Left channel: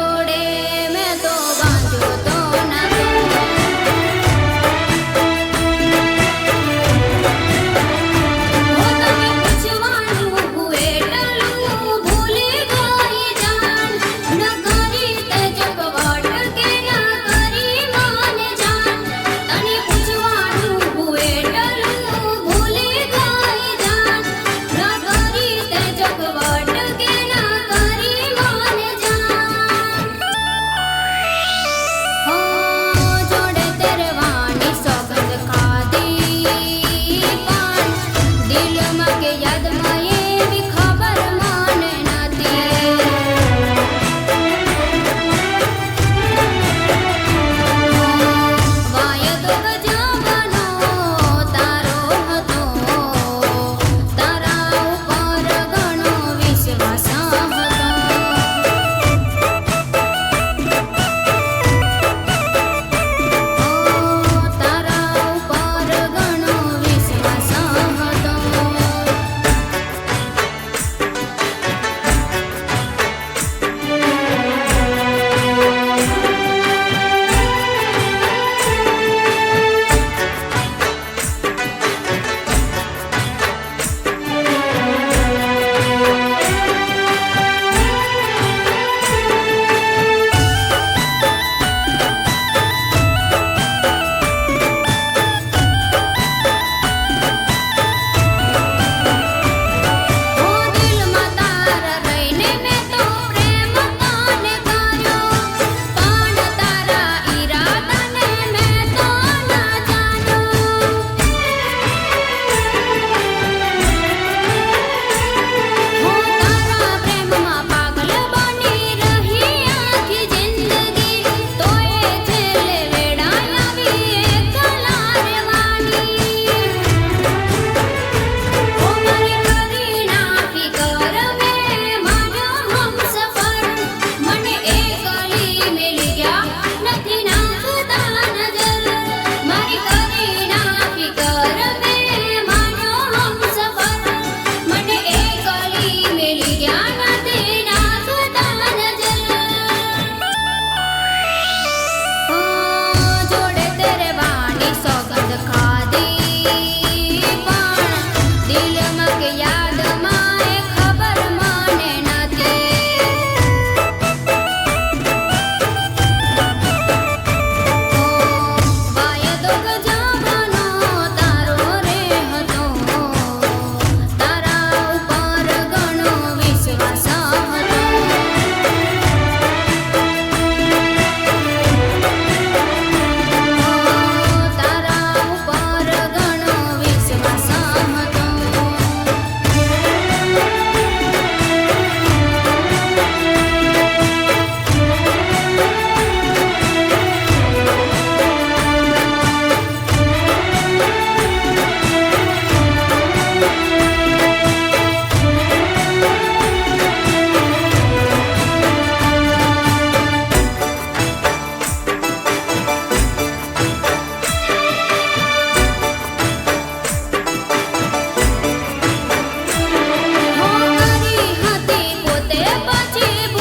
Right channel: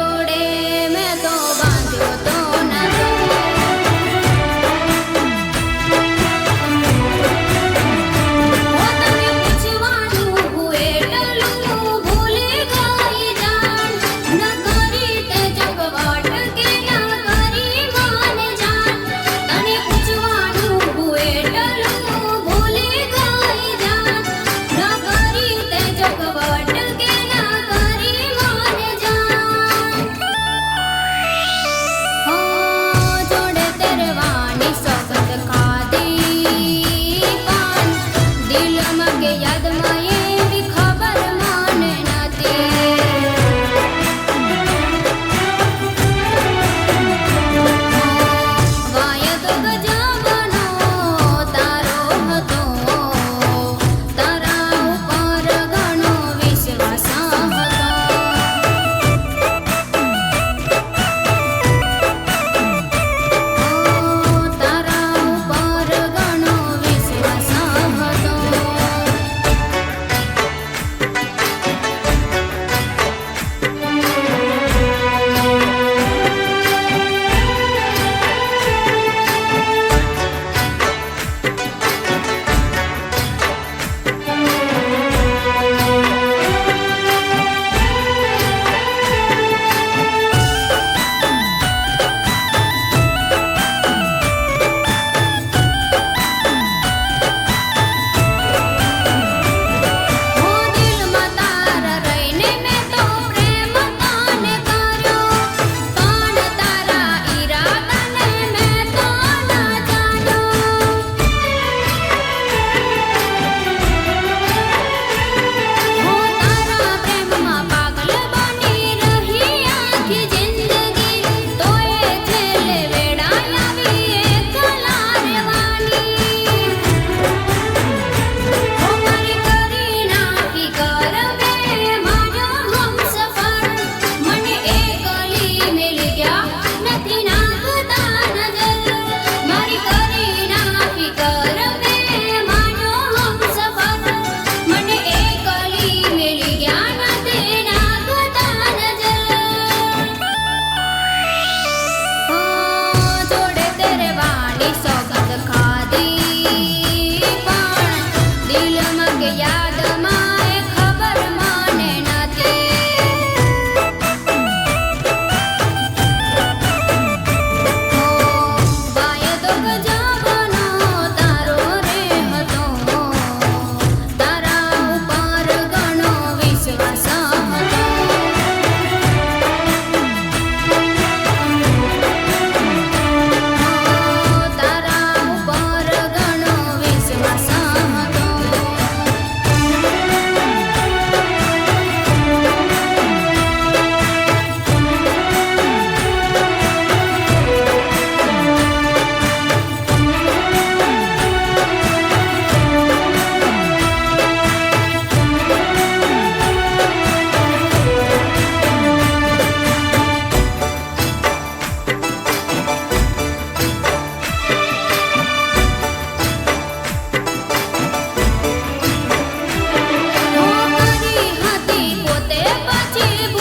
જોડે મેં તો બાંધ્યો તો 记不